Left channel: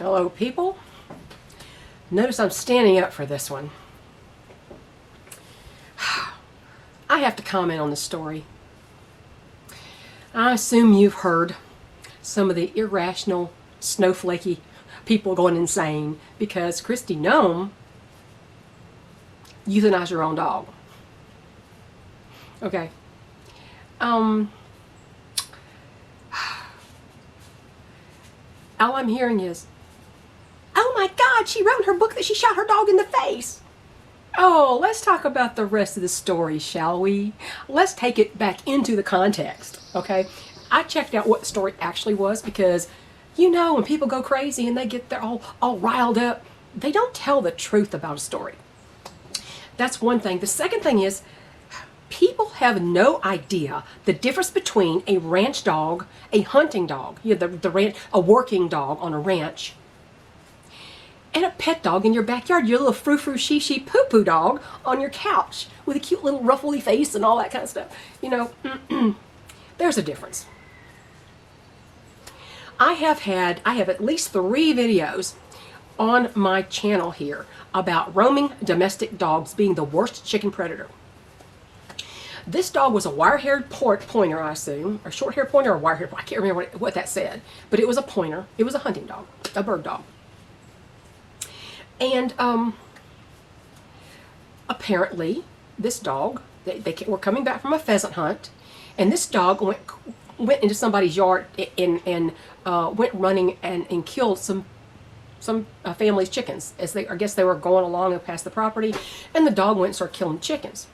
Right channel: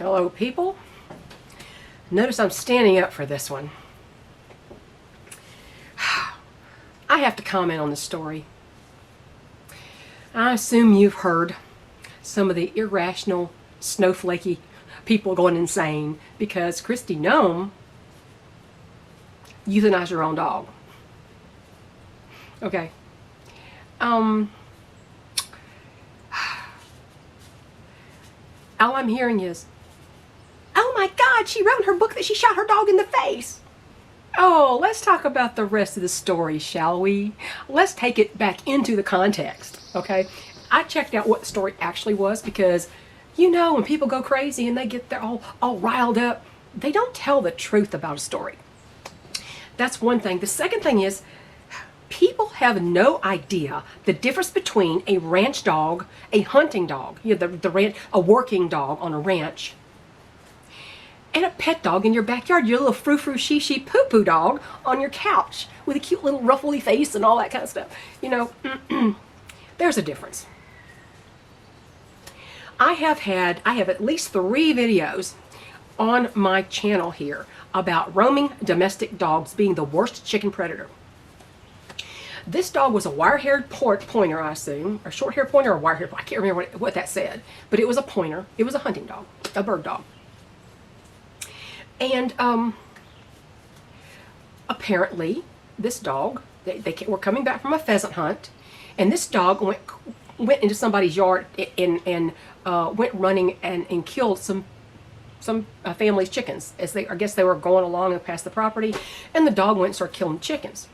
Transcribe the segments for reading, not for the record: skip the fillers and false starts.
Hello, people. Notice I'm standing up for this one. I have to comment on the story. I assume you've heard some of the irrational, snowflakey people going insane because Kristi Noem euthanized her own dog. Okay. All I'm hearing is, oh my God, she wrote in her book that she shot her dog in the face. Oh, let's talk about the rest of the story, shall we? Let's take it back into the context, okay? I checked out what the story actually was because, you know, when people go crazy and they get their all riled up, they don't tell the truth about a story. That's one thing. The second thing is, people have no idea the difference between a ranch dog, a hunting dog, you know, the ranch, a working dog on a ranch, and a pet dog in your backyard, your little frou-frou, she poo-poo dog on your couch with a cute little ruffly face and all that kind of stuff. You know, there's a difference. I have at least 3 videos on my channel here about roaming domestic dogs being the worst chicken predator. This dog was a wire-haired pointer, I assume, or short-haired pointer or wire-haired. I can't remember what that said, but it was a pointer. It was a hunting dog, a bird dog. And apparently, this dog, they were coming back from a pheasant hunt, and this dog went into somebody's yard and went running and killed some family's chickens. I guess they were going along and past the property, and the dog went and started killing chickens.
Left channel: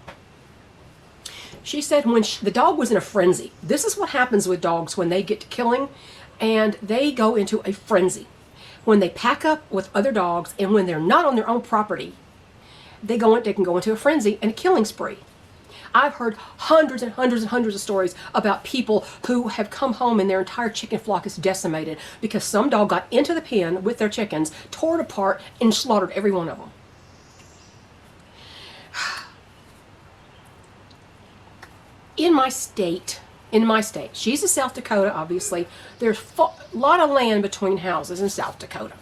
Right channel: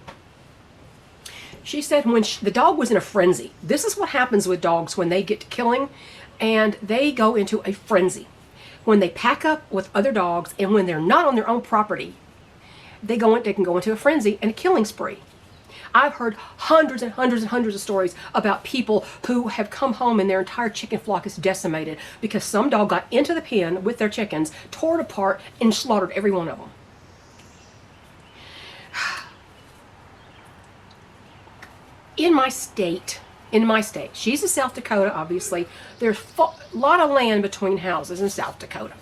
She said when the dog was in a frenzy. This is what happens with dogs when they get to killing, and they go into a frenzy. When they pack up with other dogs and when they're not on their own property, they can go into a frenzy and a killing spree. I've heard hundreds and hundreds and hundreds of stories about people who have come home and their entire chicken flock is decimated because some dog got into the pen with their chickens, tore it apart, and slaughtered every one of them. In my state, she's in South Dakota, obviously. There's a lot of land between houses in South Dakota.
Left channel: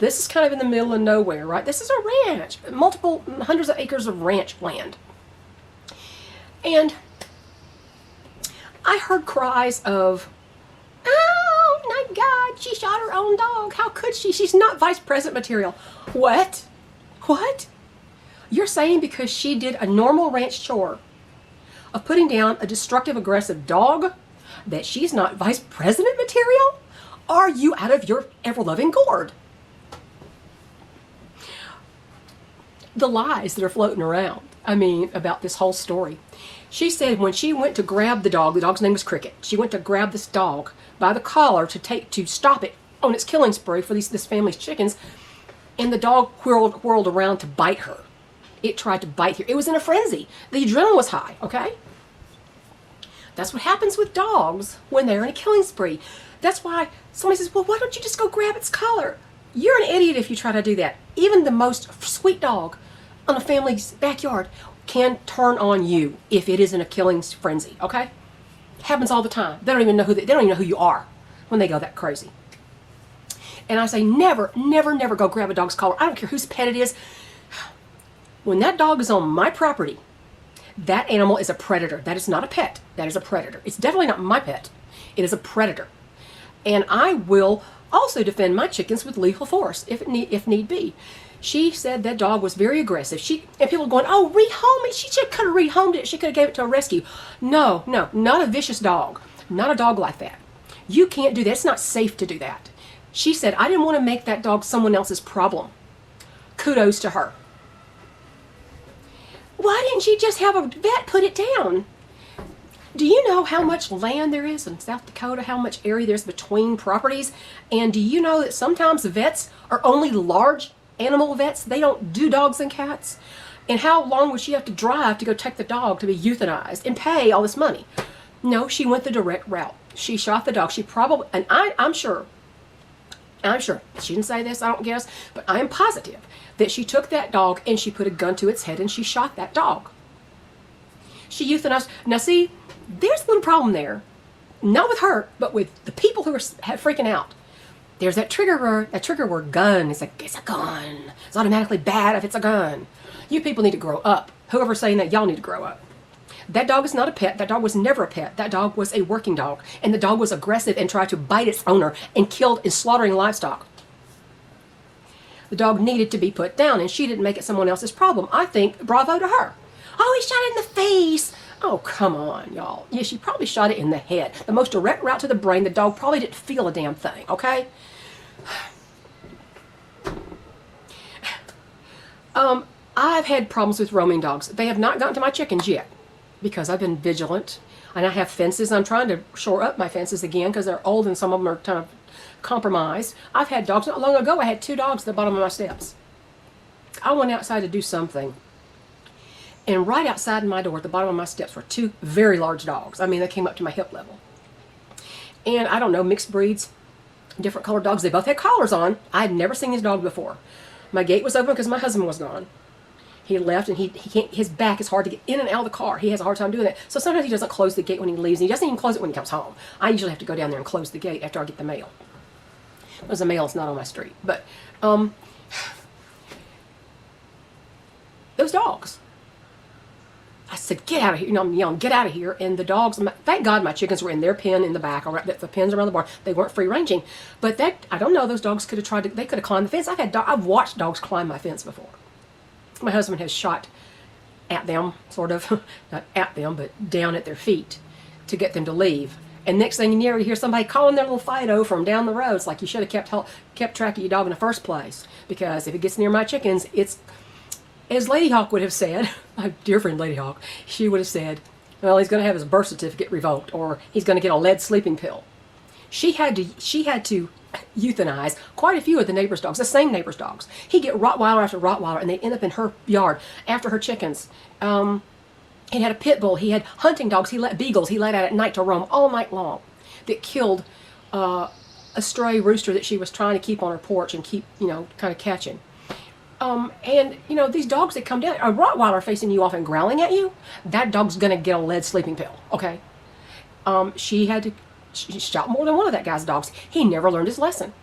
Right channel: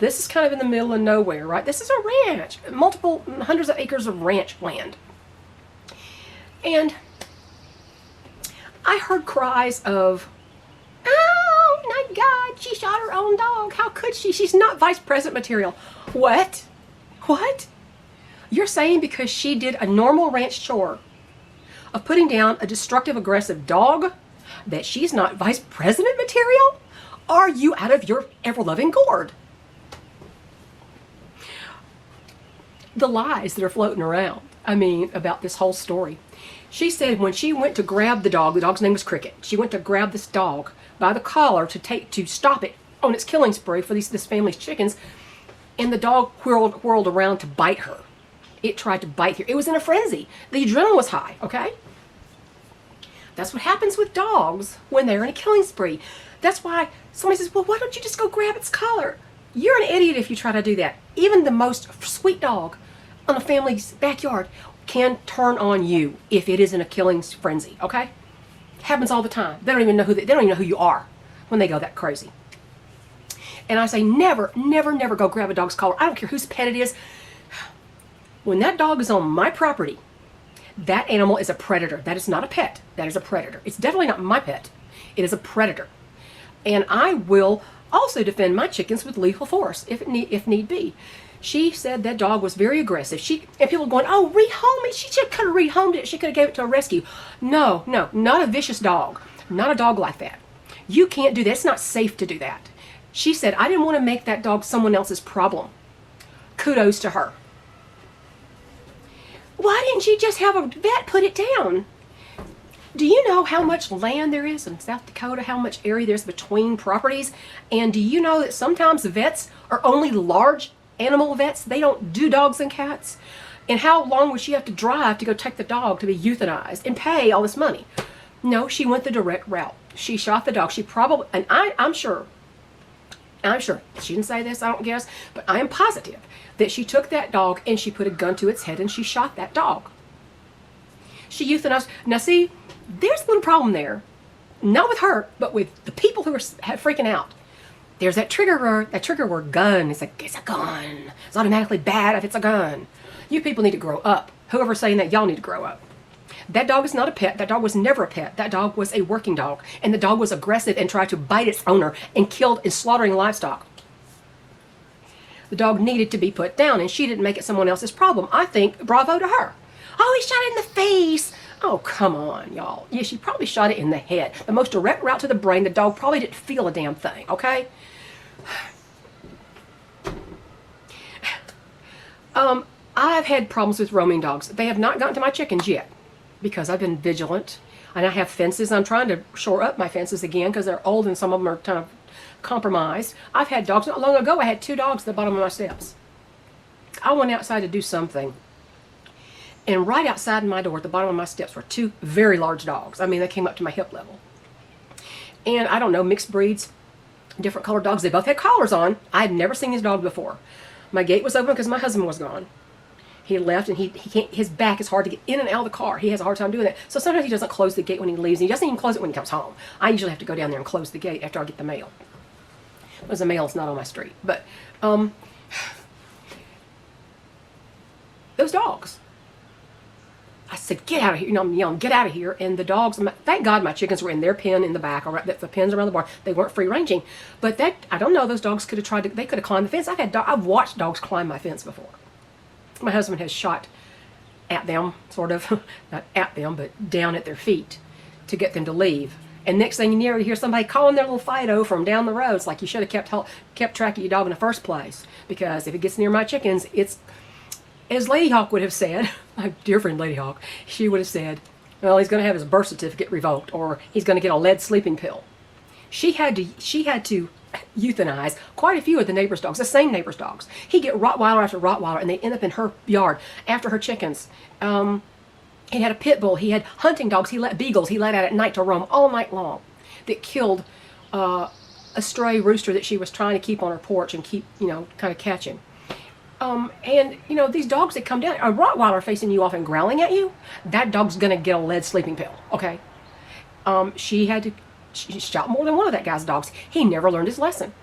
This is kind of in the middle of nowhere, right? This is a ranch, multiple hundreds of acres of ranch land. And I heard cries of, oh my God, she shot her own dog. How could she? She's not vice president material. What? What? You're saying because she did a normal ranch chore of putting down a destructive, aggressive dog that she's not vice president material? Are you out of your ever-loving gourd? The lies that are floating around, about this whole story. She said when she went to grab the dog's name was Cricket. She went to grab this dog by the collar to stop it on its killing spree for this family's chickens, and the dog whirled around to bite her. It tried to bite her. It was in a frenzy. The adrenaline was high, okay? That's what happens with dogs when they're in a killing spree. That's why somebody says, well, why don't you just go grab its collar? You're an idiot if you try to do that. Even the most sweet dog in a family's backyard can turn on you if it is in a killing frenzy, okay? Happens all the time. They don't even know who you are when they go that crazy. And I say never, never, never go grab a dog's collar. I don't care whose pet it is. When that dog is on my property, that animal is a predator. That is not a pet. That is a predator. It's definitely not my pet. It is a predator. And I will also defend my chickens with lethal force if need be. She said that dog was very aggressive. And people are going, oh, rehome it. She could have rehomed it. She could have gave it to a rescue. No, not a vicious dog. Not a dog like that. You can't do that. It's not safe to do that. She said, I didn't want to make that dog someone else's problem. Kudos to her. Why didn't she just have a vet put it down? Do you know how much land there is in South Dakota, how much area there's between properties? And do you know that sometimes the vets are only large animal vets? They don't do dogs and cats? And how long would she have to drive to go take the dog to be euthanized and pay all this money? No, she went the direct route. She shot the dog. She probably, and I'm sure, she didn't say this, I don't guess, but I am positive that she took that dog and she put a gun to its head and she shot that dog. She euthanized. Now see, there's a little problem there. Not with her, but with the people who are freaking out. There's that trigger word, gun. It's a gun. It's automatically bad if it's a gun. You people need to grow up. Whoever's saying that, y'all need to grow up. That dog is not a pet. That dog was never a pet. That dog was a working dog. And the dog was aggressive and tried to bite its owner and killed and slaughtering livestock. The dog needed to be put down, and she didn't make it someone else's problem. I think bravo to her. Oh, he shot it in the face. Oh, come on, y'all. Yeah, she probably shot it in the head. The most direct route to the brain. The dog probably didn't feel a damn thing, okay? I've had problems with roaming dogs. They have not gotten to my chickens yet because I've been vigilant, and I have fences. I'm trying to shore up my fences again because they're old and some of them are kind of compromised. I've had dogs. Not long ago, I had 2 dogs at the bottom of my steps. I went outside to do something, and right outside my door at the bottom of my steps were 2 very large dogs. I mean, they came up to my hip level. And I don't know, mixed breeds, different colored dogs. They both had collars on. I had never seen these dogs before. My gate was open because my husband was gone. He left, and he can't, his back is hard to get in and out of the car. He has a hard time doing that. So sometimes he doesn't close the gate when he leaves. He doesn't even close it when he comes home. I usually have to go down there and close the gate after I get the mail. Because the mail is not on my street. But those dogs. I said, get out of here. You know, I'm yelling, get out of here. And the dogs, thank God my chickens were in their pen in the back, or the pens around the barn. They weren't free ranging. But that, I don't know, those dogs could have tried to, they could have climbed the fence. I've watched dogs climb my fence before. My husband has shot at them, sort of, not at them, but down at their feet to get them to leave. And next thing you hear somebody calling their little Fido from down the road. It's like you should have kept track of your dog in the first place. Because if it gets near my chickens, it's, as Lady Hawk would have said, my dear friend Lady Hawk, she would have said, well, he's going to have his birth certificate revoked, or he's going to get a lead sleeping pill. She had to euthanize quite a few of the neighbor's dogs, the same neighbor's dogs. He'd get Rottweiler after Rottweiler, and they end up in her yard after her chickens. He had a pit bull. He had hunting dogs. He let beagles. He let out at night to roam all night long. That killed a stray rooster that she was trying to keep on her porch and keep, you know, kind of catching. And, you know, these dogs that come down, a Rottweiler facing you off and growling at you, that dog's going to get a lead sleeping pill, okay? She shot more than one of that guy's dogs. He never learned his lesson.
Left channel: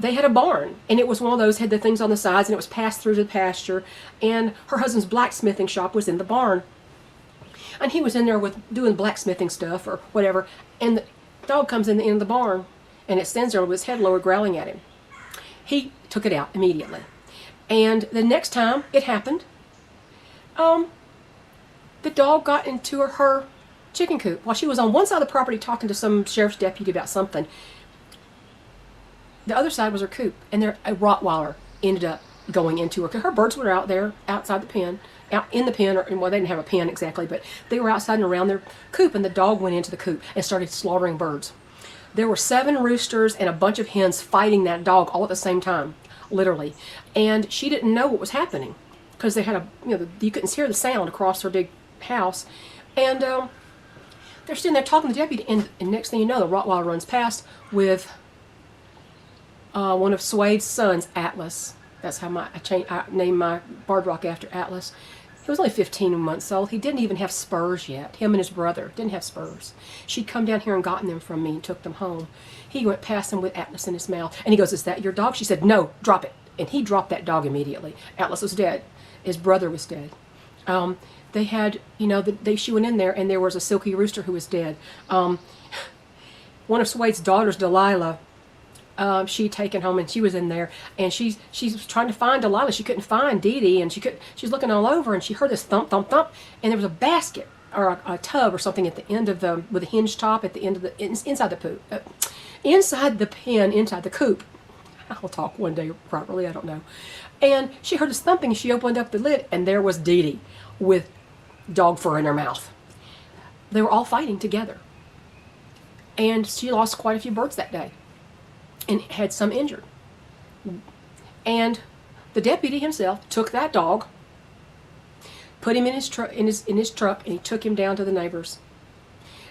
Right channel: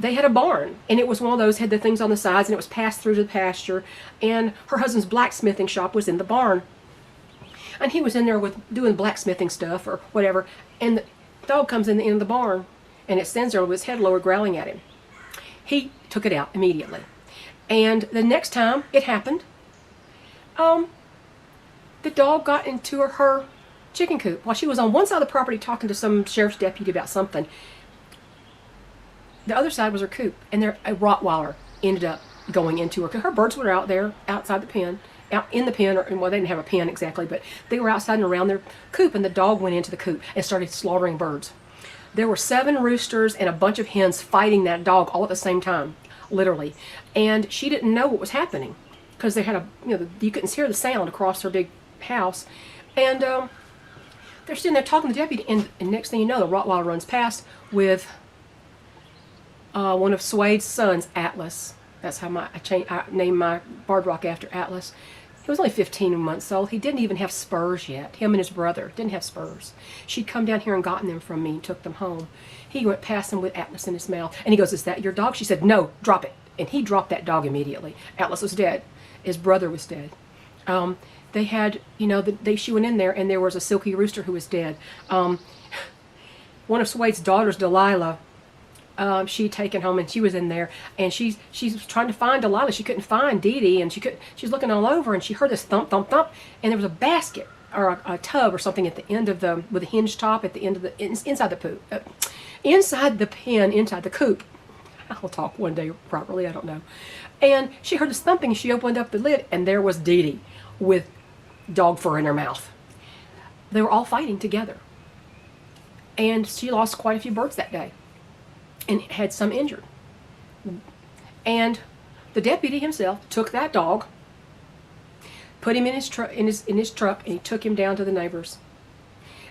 They had a barn, and it was one of those, had the things on the sides, and it was passed through the pasture, and her husband's blacksmithing shop was in the barn. And he was in there doing blacksmithing stuff or whatever, and the dog comes in the end of the barn, and it stands there with his head lowered growling at him. He took it out immediately. And the next time it happened, the dog got into her chicken coop while she was on one side of the property talking to some sheriff's deputy about something. The other side was her coop, and a Rottweiler ended up going into her coop. Her birds were out there outside the pen, out in the pen, or well, they didn't have a pen exactly, but they were outside and around their coop, and the dog went into the coop and started slaughtering birds. There were 7 roosters and a bunch of hens fighting that dog all at the same time, literally. And she didn't know what was happening because they had you couldn't hear the sound across her big house. And they're sitting there talking to the deputy, and next thing you know, the Rottweiler runs past one of Swade's sons, Atlas. That's how I named my barred rock after Atlas. He was only 15 months old. He didn't even have spurs yet. Him and his brother didn't have spurs. She'd come down here and gotten them from me and took them home. He went past them with Atlas in his mouth. And he goes, is that your dog? She said, no, drop it. And he dropped that dog immediately. Atlas was dead. His brother was dead. They had, she went in there, and there was a silky rooster who was dead. One of Swade's daughters, Delilah, she'd taken home, and she was in there, and she's trying to find Delilah. She couldn't find Dee Dee, and she's looking all over, and she heard this thump, thump, thump, and there was a basket or a tub or something at the end of with a hinge top at the end of inside the pen, inside the coop. I'll talk one day properly, I don't know. And she heard this thumping. She opened up the lid, and there was Dee Dee with dog fur in her mouth. They were all fighting together, and she lost quite a few birds that day. And had some injured. And the deputy himself took that dog, put him in his truck, and he took him down to the neighbors.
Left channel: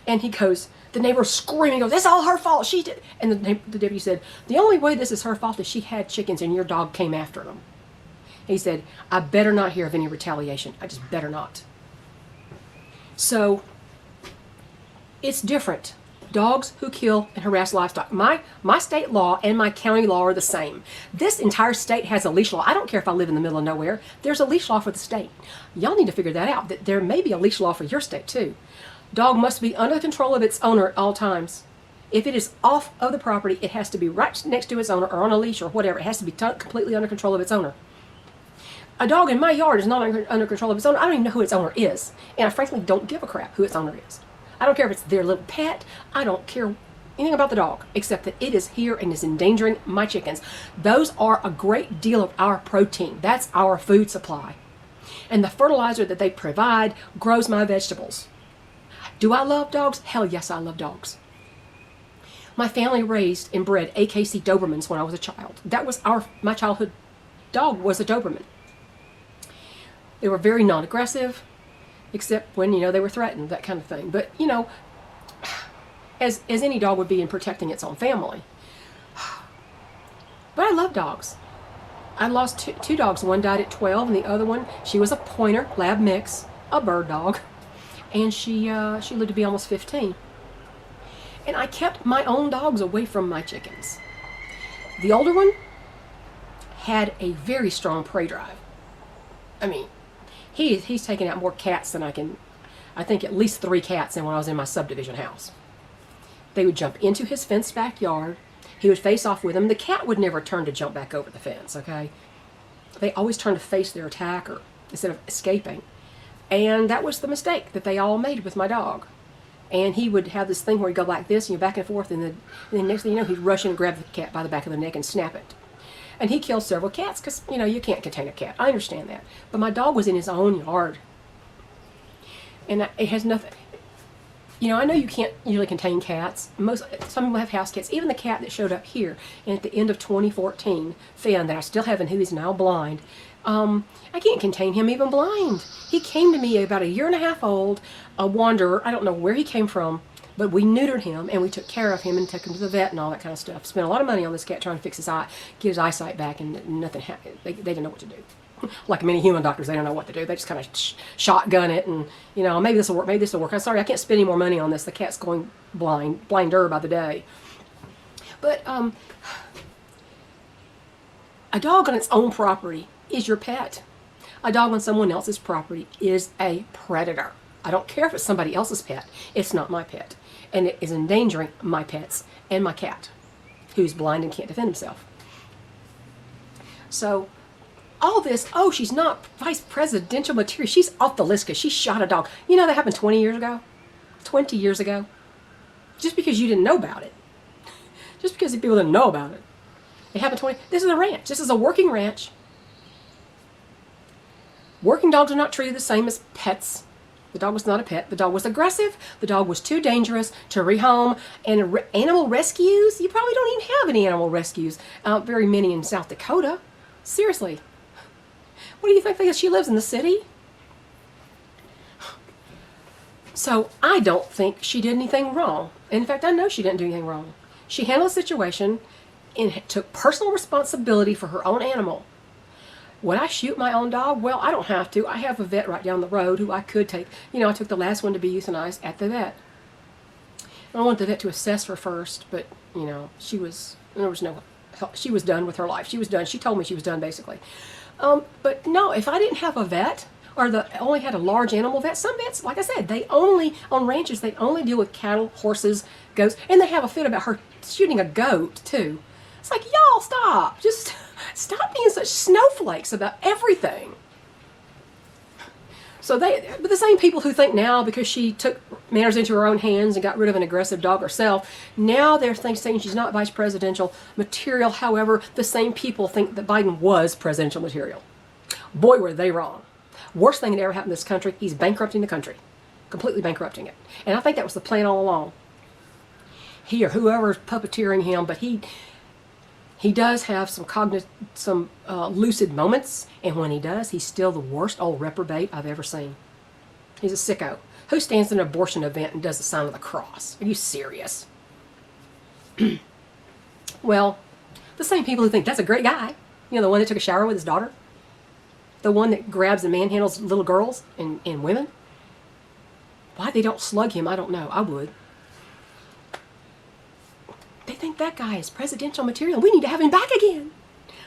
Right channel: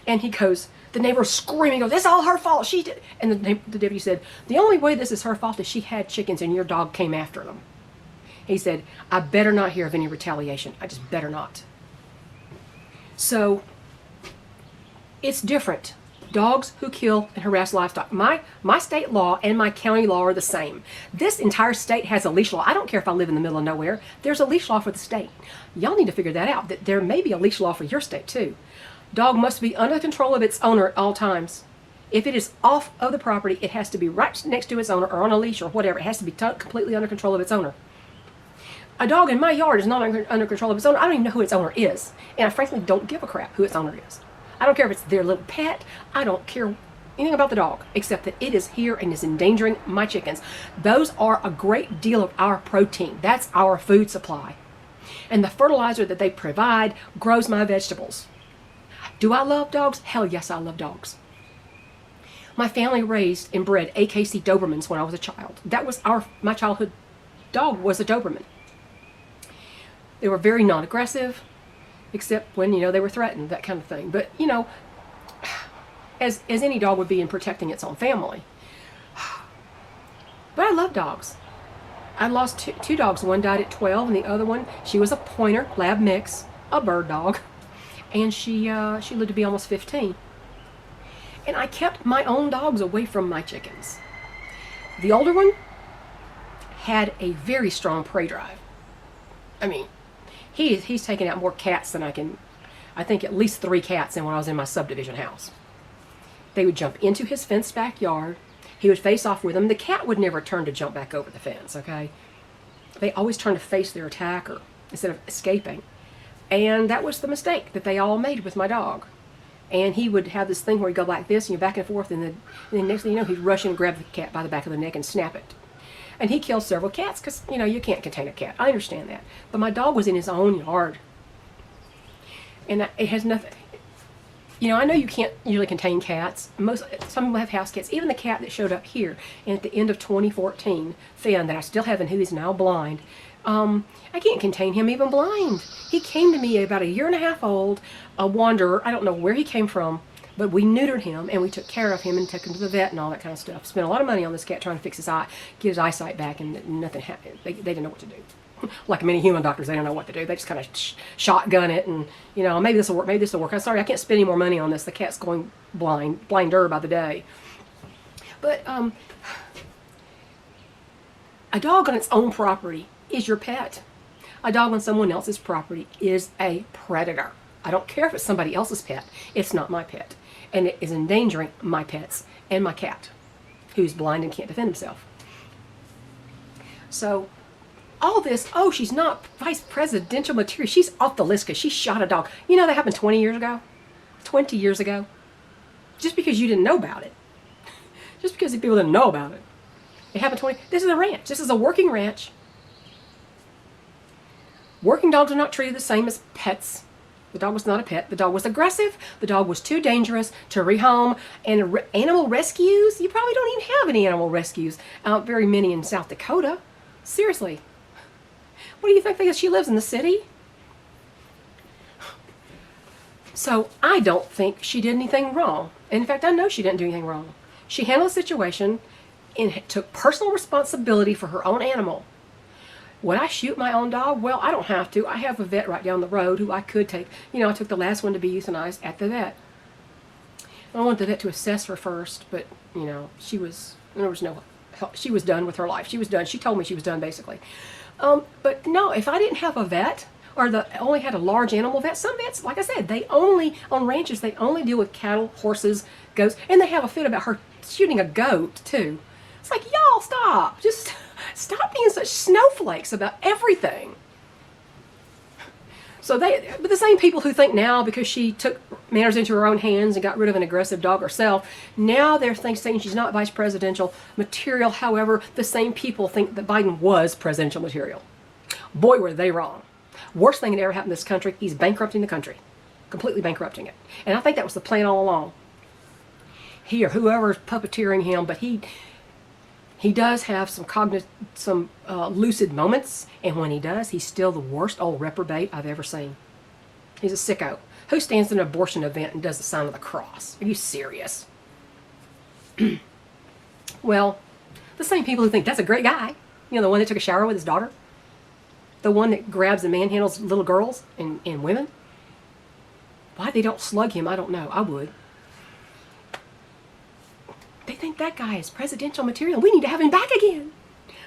And the neighbor's screaming, this is all her fault. She did. And the deputy said, the only way this is her fault is she had chickens and your dog came after them. He said, I better not hear of any retaliation. I just better not. So it's different Dogs who kill and harass livestock. My state law and my county law are the same. This entire state has a leash law. I don't care if I live in the middle of nowhere. There's a leash law for the state. Y'all need to figure that out, that there may be a leash law for your state too. Dog must be under the control of its owner at all times. If it is off of the property, it has to be right next to its owner or on a leash or whatever. It has to be completely under control of its owner. A dog in my yard is not under control of its owner. I don't even know who its owner is. And I frankly don't give a crap who its owner is. I don't care if it's their little pet. I don't care anything about the dog, except that it is here and is endangering my chickens. Those are a great deal of our protein. That's our food supply. And the fertilizer that they provide grows my vegetables. Do I love dogs? Hell yes, I love dogs. My family raised and bred AKC Dobermans when I was a child. That was my childhood dog was a Doberman. They were very non-aggressive, except when, they were threatened, that kind of thing. But, as any dog would be in protecting its own family. But I love dogs. I lost two dogs. One died at 12, and the other one, she was a pointer, lab mix, a bird dog. And she lived to be almost 15. And I kept my own dogs away from my chickens. The older one had a very strong prey drive. I mean, he's taken out more cats than I think at least 3 cats than when I was in my subdivision house. They would jump into his fenced backyard. He would face off with them. The cat would never turn to jump back over the fence, okay? They always turn to face their attacker instead of escaping. And that was the mistake that they all made with my dog. And he would have this thing where he'd go like this, and you're back and forth, and then next thing you know, he'd rush in and grab the cat by the back of the neck and snap it. And he killed several cats because, you can't contain a cat. I understand that. But my dog was in his own yard. And it has nothing. I know you can't usually contain cats. Some people have house cats. Even the cat that showed up here at the end of 2014, Finn, that I still have, and who is now blind. I can't contain him even blind. He came to me about 1.5 years old, a wanderer. I don't know where he came from, but we neutered him and we took care of him and took him to the vet and all that kind of stuff. Spent a lot of money on this cat trying to fix his eye, get his eyesight back, and nothing happened. They didn't know what to do. Like many human doctors, they don't know what to do. They just kind of shotgun it and, maybe this will work, maybe this will work. I'm sorry, I can't spend any more money on this. The cat's going blinder by the day. But a dog on its own property is your pet. A dog on someone else's property is a predator. I don't care if it's somebody else's pet. It's not my pet. And it is endangering my pets and my cat, who's blind and can't defend himself. So, all this, she's not vice presidential material. She's off the list because she shot a dog. That happened 20 years ago. 20 years ago. Just because you didn't know about it. Just because people didn't know about it. It happened 20. This is a ranch. This is a working ranch. Working dogs are not treated the same as pets. The dog was not a pet. The dog was aggressive. The dog was too dangerous to rehome. And animal rescues? You probably don't even have any animal rescues. Very many in South Dakota. Seriously. What do you think? Because she lives in the city? So I don't think she did anything wrong. In fact, I know she didn't do anything wrong. She handled the situation and took personal responsibility for her own animal. Would I shoot my own dog? Well, I don't have to. I have a vet right down the road who I could take. I took the last one to be euthanized at the vet. I want the vet to assess her first, but, there was no help. She was done with her life. She was done. She told me she was done, basically. But no, if I didn't have a vet, or only had a large animal vet, some vets, like I said, on ranches, they only deal with cattle, horses, goats, and they have a fit about her shooting a goat, too. It's like, y'all, stop. Just stop being such snowflakes about everything. But the same people who think now, because she took matters into her own hands and got rid of an aggressive dog herself, now they're saying she's not vice presidential material. However, the same people think that Biden was presidential material. Boy, were they wrong. Worst thing that ever happened to this country, he's bankrupting the country. Completely bankrupting it. And I think that was the plan all along. Whoever's puppeteering him, but he does have some lucid moments, and when he does, he's still the worst old reprobate I've ever seen. He's a sicko. Who stands at an abortion event and does the sign of the cross? Are you serious? Well, the same people who think that's a great guy. The one that took a shower with his daughter. The one that grabs and manhandles little girls and women. Why they don't slug him, I don't know. I would. that guy is presidential material. We need to have him back again.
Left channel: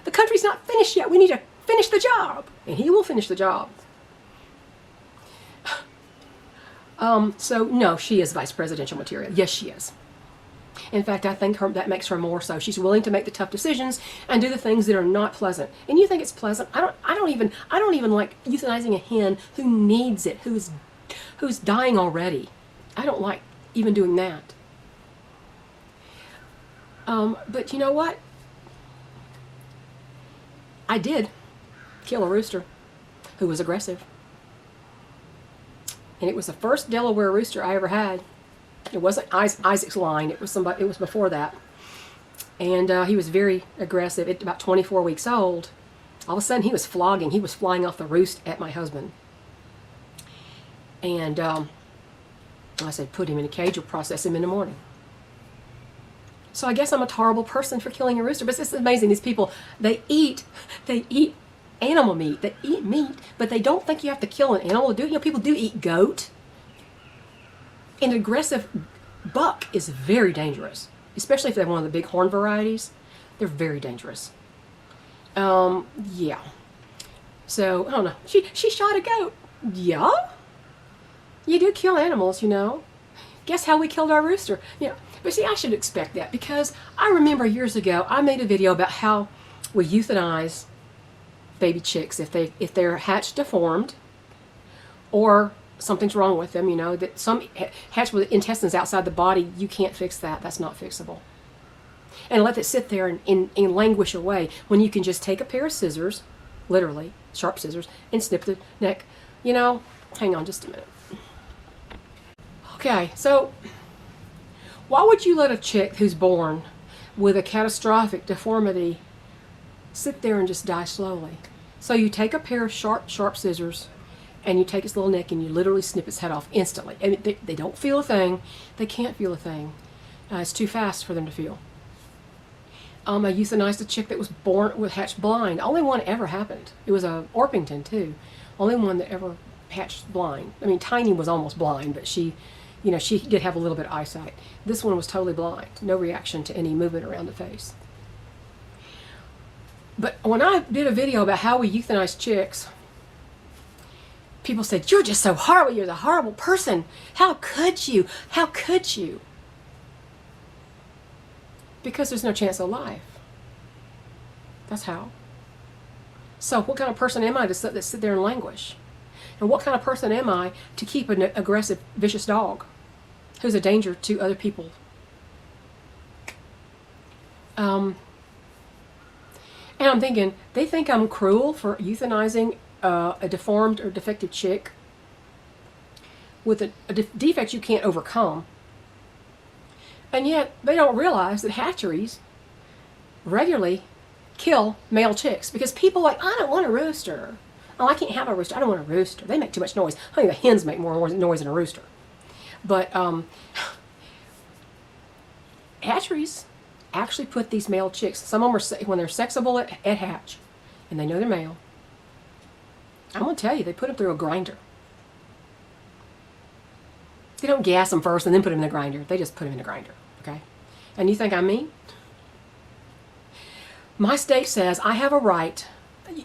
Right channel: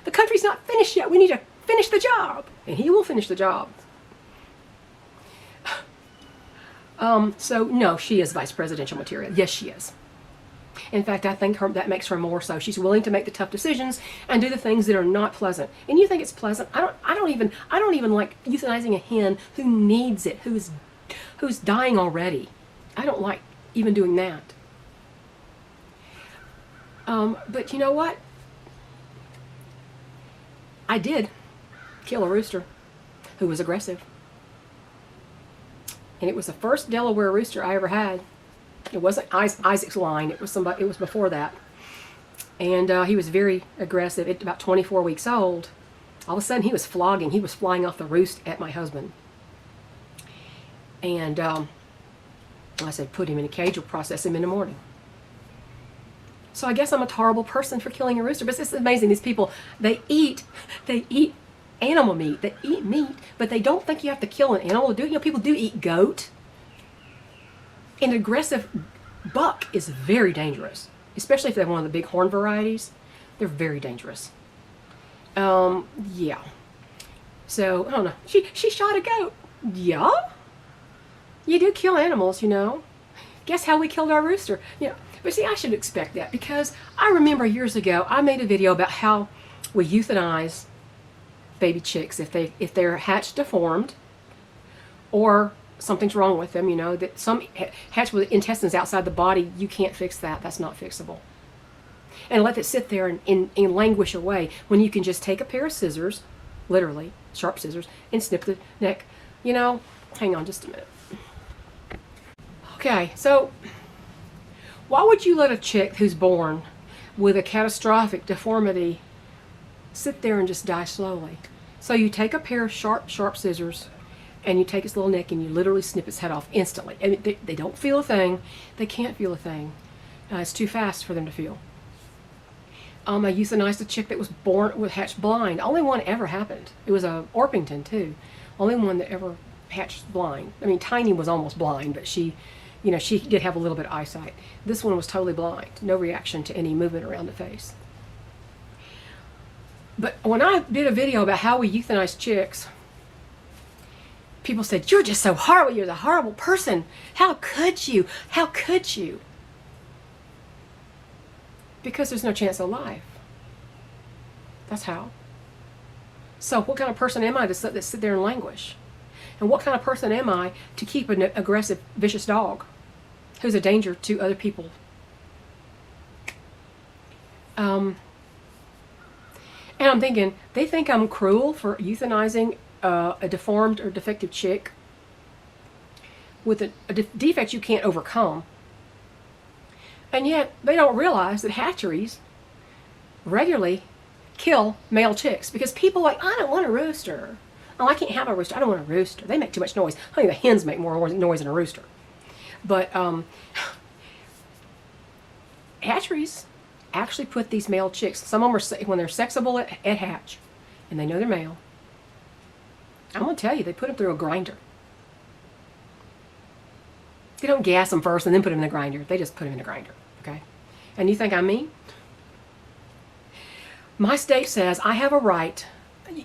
The country's not finished yet. We need to finish the job. And he will finish the job. So, no, she is vice presidential material. Yes, she is. In fact, I think that makes her more so. She's willing to make the tough decisions and do the things that are not pleasant. And you think it's pleasant? I don't even like euthanizing a hen who needs it, who's dying already. I don't like even doing that. But you know what? I did kill a rooster who was aggressive. And it was the first Delaware rooster I ever had. It wasn't Isaac's line. It was somebody. It was before that. And he was very aggressive. About 24 weeks old. All of a sudden, he was flogging. He was flying off the roost at my husband. And I said, put him in a cage. We'll process him in the morning. So I guess I'm a horrible person for killing a rooster. But this is amazing. These people, they eat animal meat. They eat meat, but they don't think you have to kill an animal. You know, people do eat goat. An aggressive buck is very dangerous, especially if they have one of the big horn varieties. They're very dangerous. Yeah. So, I don't know. She shot a goat. Yeah? You do kill animals, you know. Guess how we killed our rooster? Yeah. But see, I should expect that because I remember years ago, I made a video about how we euthanize baby chicks if they're hatched deformed or something's wrong with them, you know, that some hatch with intestines outside the body, you can't fix that. That's not fixable. And let it sit there and languish away when you can just take a pair of scissors, literally, sharp scissors, and snip the neck. You know, hang on just a minute. Okay, so why would you let a chick who's born with a catastrophic deformity sit there and just die slowly? So you take a pair of sharp scissors, and you take its little neck and you literally snip its head off instantly. I mean, they don't feel a thing. They can't feel a thing. It's too fast for them to feel. I euthanized a chick that was hatched blind. Only one ever happened. It was a Orpington too. Only one that ever hatched blind. I mean, Tiny was almost blind, but she did have a little bit of eyesight. This one was totally blind. No reaction to any movement around the face. But when I did a video about how we euthanize chicks, people said, you're just so horrible. You're the horrible person. How could you? How could you? Because there's no chance of life. That's how. So what kind of person am I to sit there and languish? And what kind of person am I to keep an aggressive, vicious dog who's a danger to other people? And I'm thinking, they think I'm cruel for euthanizing a deformed or defective chick with a defect you can't overcome. And yet, they don't realize that hatcheries regularly kill male chicks because people are like, I don't want a rooster. Oh, I can't have a rooster. I don't want a rooster. They make too much noise. I think the hens make more noise than a rooster. But hatcheries actually put these male chicks, some of them are, when they're sexable at hatch, and they know they're male, I'm going to tell you, they put them through a grinder. They don't gas them first and then put them in the grinder. They just put them in the grinder, okay? And you think I'm mean? My state says I have a right.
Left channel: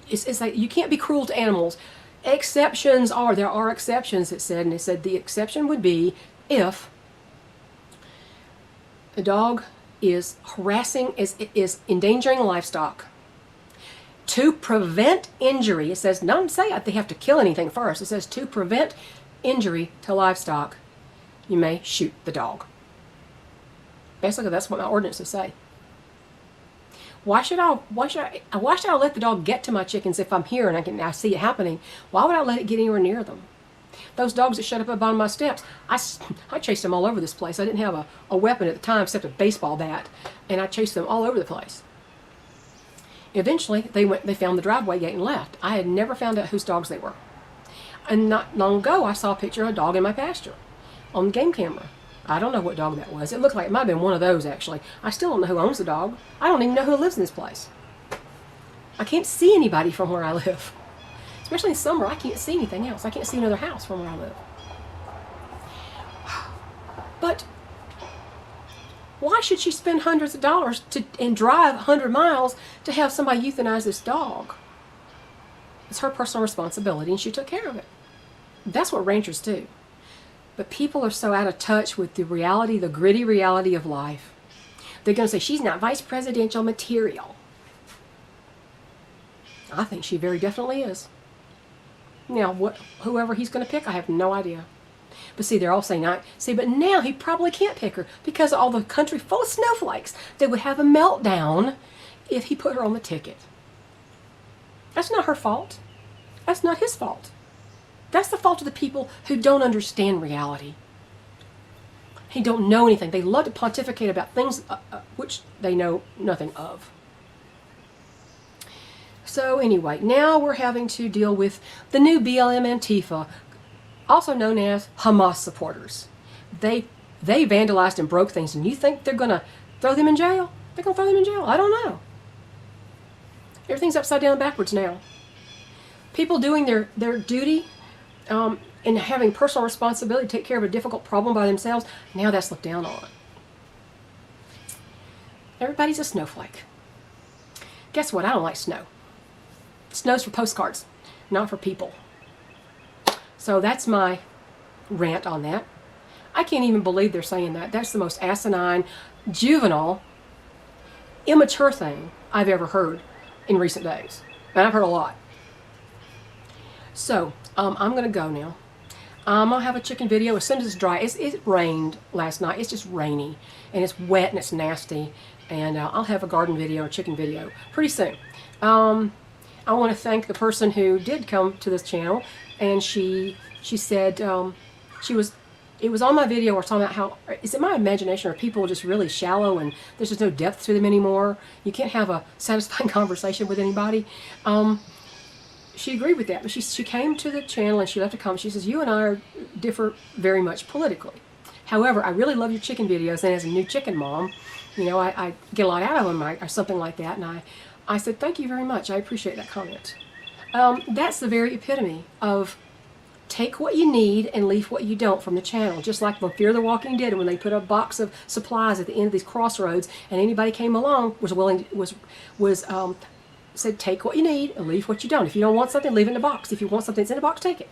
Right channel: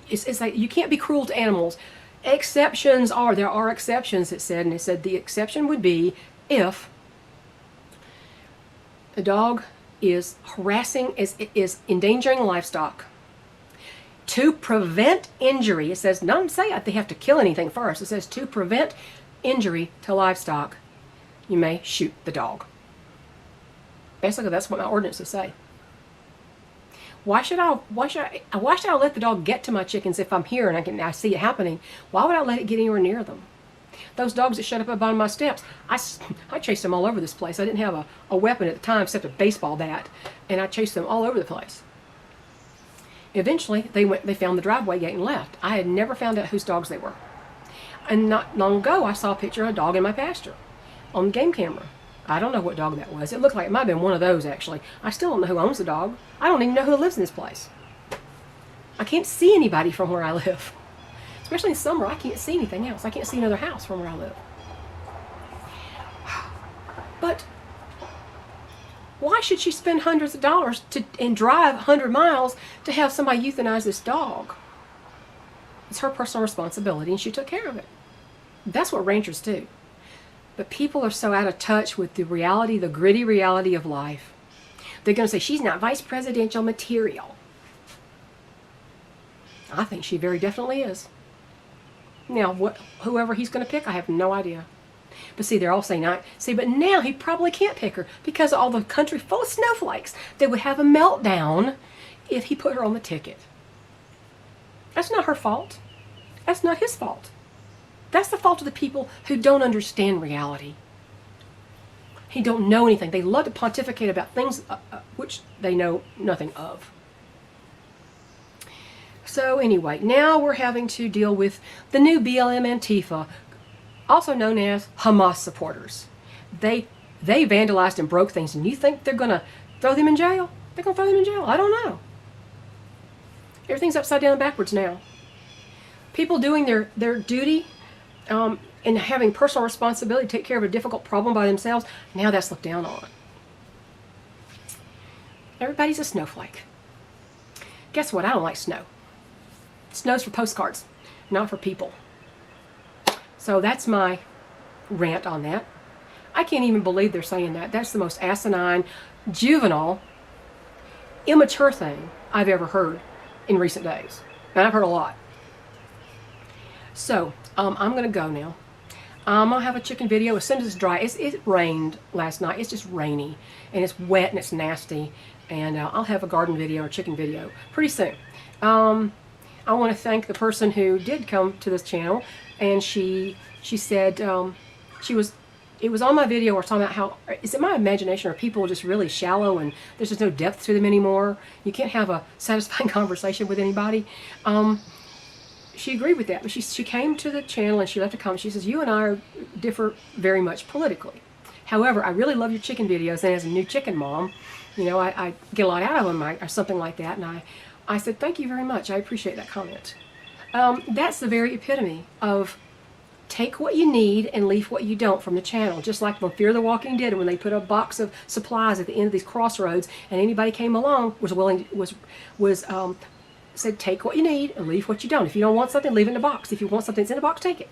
It's like you can't be cruel to animals. There are exceptions, it said, and it said the exception would be if the dog is harassing, is endangering livestock. To prevent injury, it says, don't say they have to kill anything first. It says to prevent injury to livestock, you may shoot the dog. Basically, that's what my ordinances say. Why should I let the dog get to my chickens if I'm here and I see it happening? Why would I let it get anywhere near them? Those dogs that showed up on my steps, I chased them all over this place. I didn't have a weapon at the time except a baseball bat, and I chased them all over the place. Eventually, they found the driveway gate and left. I had never found out whose dogs they were. And not long ago, I saw a picture of a dog in my pasture on the game camera. I don't know what dog that was. It looked like it might have been one of those, actually. I still don't know who owns the dog. I don't even know who lives in this place. I can't see anybody from where I live. Especially in summer, I can't see anything else. I can't see another house from where I live. But Why should she spend hundreds of dollars and drive 100 miles to have somebody euthanize this dog? It's her personal responsibility, and she took care of it. That's what rangers do. But people are so out of touch with the reality, the gritty reality of life. They're going to say, she's not vice presidential material. I think she very definitely is. Now, whoever he's going to pick, I have no idea. But see, they're all saying, but now he probably can't pick her because all the country full of snowflakes. They would have a meltdown if he put her on the ticket. That's not her fault. That's not his fault. That's the fault of the people who don't understand reality. They don't know anything. They love to pontificate about things which they know nothing of. So anyway, now we're having to deal with the new BLM Antifa, also known as Hamas supporters. They vandalized and broke things, and you think they're going to throw them in jail? They're going to throw them in jail. I don't know. Everything's upside down and backwards now. People doing their duty and having personal responsibility to take care of a difficult problem by themselves, now that's looked down on. Everybody's a snowflake. Guess what? I don't like snow. Snow's for postcards, not for people. So that's my rant on that. I can't even believe they're saying that. That's the most asinine, juvenile, immature thing I've ever heard in recent days. And I've heard a lot. So, I'm going to go now. I'm going to have a chicken video as soon as it's dry. It rained last night. It's just rainy. And it's wet and it's nasty. And I'll have a garden video or chicken video pretty soon. I want to thank the person who did come to this channel. And she said it was on my video where talking about how, is it my imagination, or people just really shallow and there's just no depth to them anymore? You can't have a satisfying conversation with anybody. She agreed with that, and she came to the channel and she left a comment. She says, you and I differ very much politically. However, I really love your chicken videos, and as a new chicken mom, you know, I get a lot out of them or something like that. And I said, thank you very much. I appreciate that comment. That's the very epitome of take what you need and leave what you don't from the channel. Just like the Fear the Walking Dead, when they put a box of supplies at the end of these crossroads, and anybody came along said take what you need and leave what you don't. If you don't want something, leave it in the box. If you want something that's in the box, take it.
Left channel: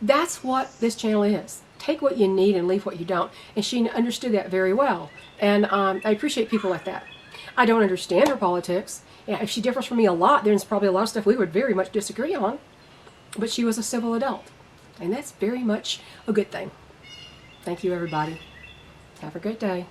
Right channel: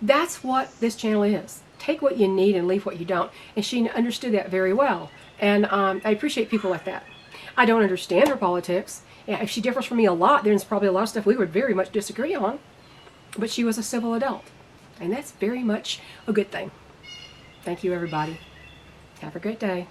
That's what this channel is. Take what you need and leave what you don't. And she understood that very well. And I appreciate people like that. I don't understand her politics. If she differs from me a lot, there's probably a lot of stuff we would very much disagree on. But she was a civil adult. And that's very much a good thing. Thank you, everybody. Have a great day.